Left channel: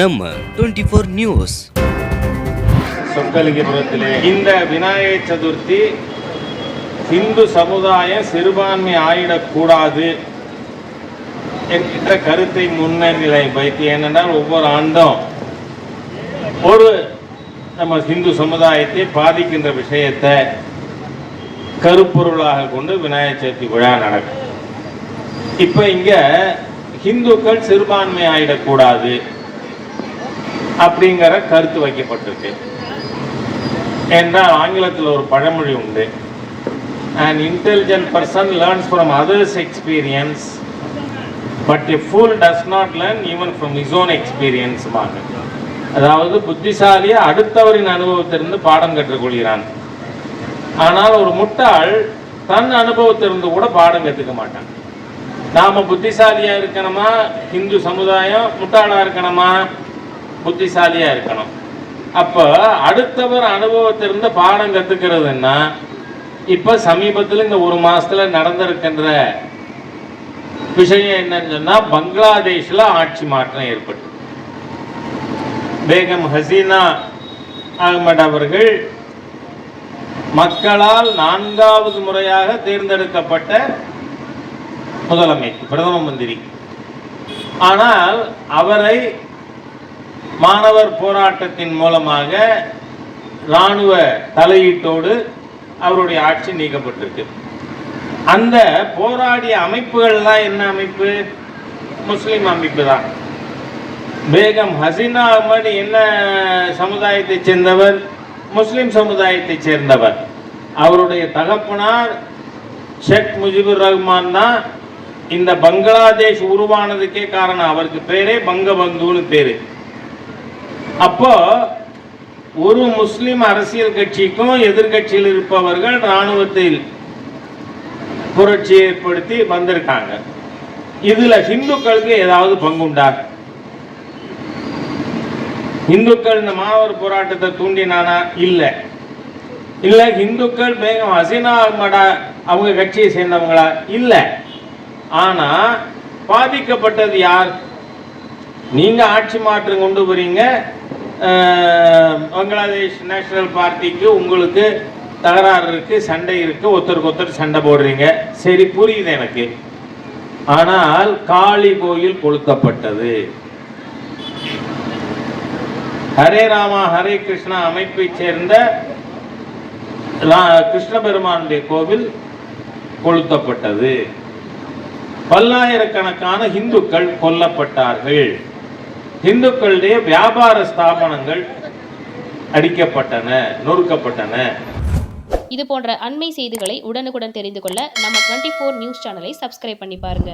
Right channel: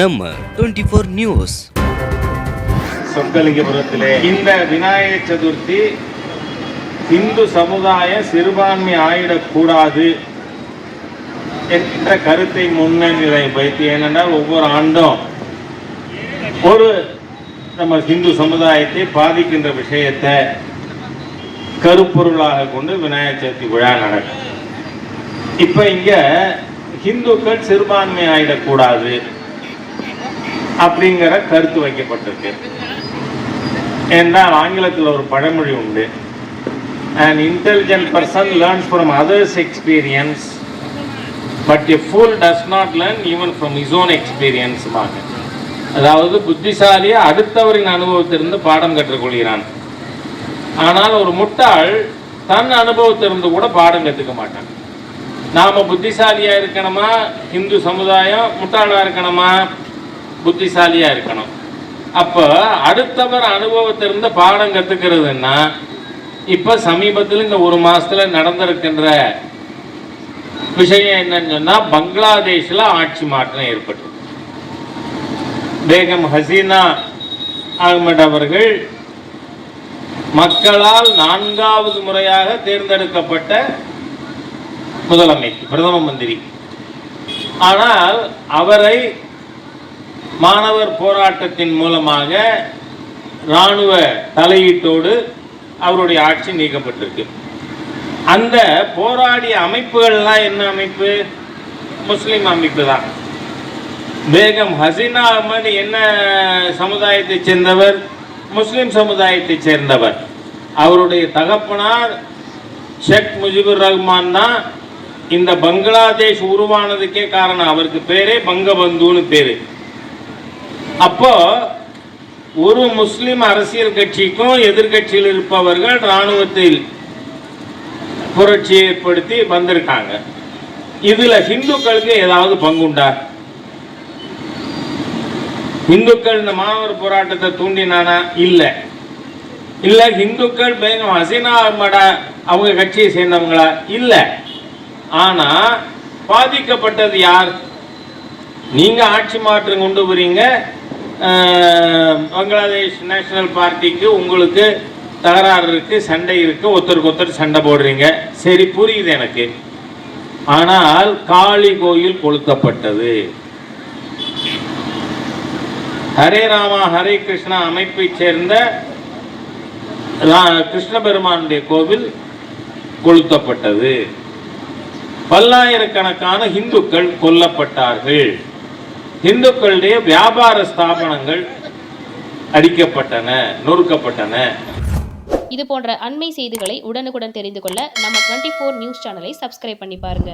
நம்ம twenty four news சொக்கலிங்கபுரத்திலே இந்த விநாயகர் சதுர்த்தி இந்து சமுதாயம் சிறுபான்மை ஆயிடக்கூடாது என்கின்ற கருத்தை முன்னிலை வைத்து ஏனென்றால் ஒவ்வொரு ஆண்டும் ஒரு நம்ம இந்து சமுதாயத்தை பாதிக்கின்ற விஷயத்தை கருப்பொருளாக கொண்டு விநாயகர் சதுர்த்தி விழா நடக்கும். இப்போ இங்கே ஹிந்துக்கள் சிறுபான்மை ஆயிடக்கூடாது. அப்படிங்கிற கருத்து வைக்கப்பட்டிருக்கு. என்றால் ஆங்கிலத்தில் ஒரு பழமொழி உண்டு. An intelligent person learns from others experience but a fool does not learn even from his own experience பாங்க அதாவது புத்திசாலியை அடுத்தவரின் அனுபவத்திலிருந்து பாடம் கற்றுக்கொள்கிறான். ஆனால் ஒரு முட்டாள் தன் அனுபவத்திலிருந்து கூட பாடம் கற்றுக்க மாட்டான். நாம் புத்திசாலியாக இருக்கணுமா? இந்து சமுதாயம் முட்டாளாக இருக்கணுமா? புத்திசாலியா இருக்கணும். அப்போ அடுத்தவர் அனுபவத்திலிருந்து பாடம் கத்துக்கிறதுன்னா இப்ப சமீபத்தில் இந்த ஒரு மாசத்துல நடந்திருக்கின்ற விஷயம் என்னன்னு சொன்னா பங்களாதேஷ்ல ஆட்சி மாற்றம் ஏற்பட்டு பேகம் ஹசீனா அகமட் அவர்கள் மக்களால் நான்காவது முறையாக தேர்ந்தெடுக்கப்பட்ட முதலமைச்சர் பிரதம மந்திரி. ஆனால் அவரை மாணவர் போராட்டத்தின் மூலமாக இராணுவ தலையீட்டோடு அவருடைய ஆட்சி நீக்கப்பட்டிருக்கு. அந்த போராடிய அமைப்புகள்லாம் என்ன அமைப்பு? முஸ்லீம் அமைப்பு தான். பேகம் ஹசீனா அஹ்மத் என்ன சமுதாயத்தை சேர்ந்தவர்? முஸ்லீம் சமுதாயத்தை சேர்ந்தவர். அவருடைய தகப்பனார் ஷேக் முஜிபுர் ரஹ்மான் தான். இந்த பங்களாதேஷ் உருவானதுக்கே காரணம். அவருக்கு பேரே பங்கபந்துன்னு பேரு. அப்போ ஒரு முஸ்லிம் அரசியல் கட்சிக்கும் எதிர்கட்சியில் இருப்பவர்கள் இராணுவத்தில் புரட்சி ஏற்படுத்தி வந்திருக்காங்க. இதுல ஹிந்துக்களுக்கு ஏதாவது பங்குண்டா? இந்துக்கள் இந்த மாணவர் போராட்டத்தை தூண்டினானா? இல்ல. இல்ல இந்துக்கள் பேகம் ஹசீனா அஹ்மடா அவங்க கட்சியை சேர்ந்தவங்களா? இல்ல. ஆனா பாதிக்கப்பட்டது யார்? நீங்க ஆட்சி மாற்றம் கொண்டு வரீங்க பங்களாதேஷ் நேஷனல் பார்ட்டிக்கு உங்களுக்கு தகராறு இருக்கு சண்டை இருக்கு ஒருத்தருக்கு ஒருத்தர் சண்டை போடுறீங்க. சரி புரியுது எனக்கு. ஆனால் காளி கோயில் கொளுத்தப்பட்டது. ஹரே ராமா ஹரே கிருஷ்ணா அமைப்பை சேர்ந்த ரா- கிருஷ்ண பெருமானுடைய கோவில் கொளுத்தப்பட்டது. பல்லாயிரக்கணக்கான இந்துக்கள் கொல்லப்பட்டார்கள். இந்துக்களுடைய வியாபார ஸ்தாபனங்கள் அடிக்கப்பட்டன நொறுக்கப்பட்டன. இது போன்ற அண்மை செய்திகளை உடனுக்குடன் தெரிந்து கொள்ள நம்ம டுவெண்ட்டி ஃபோர் நியூஸ் சேனலை சப்ஸ்கிரைப் பண்ணி பாருங்க.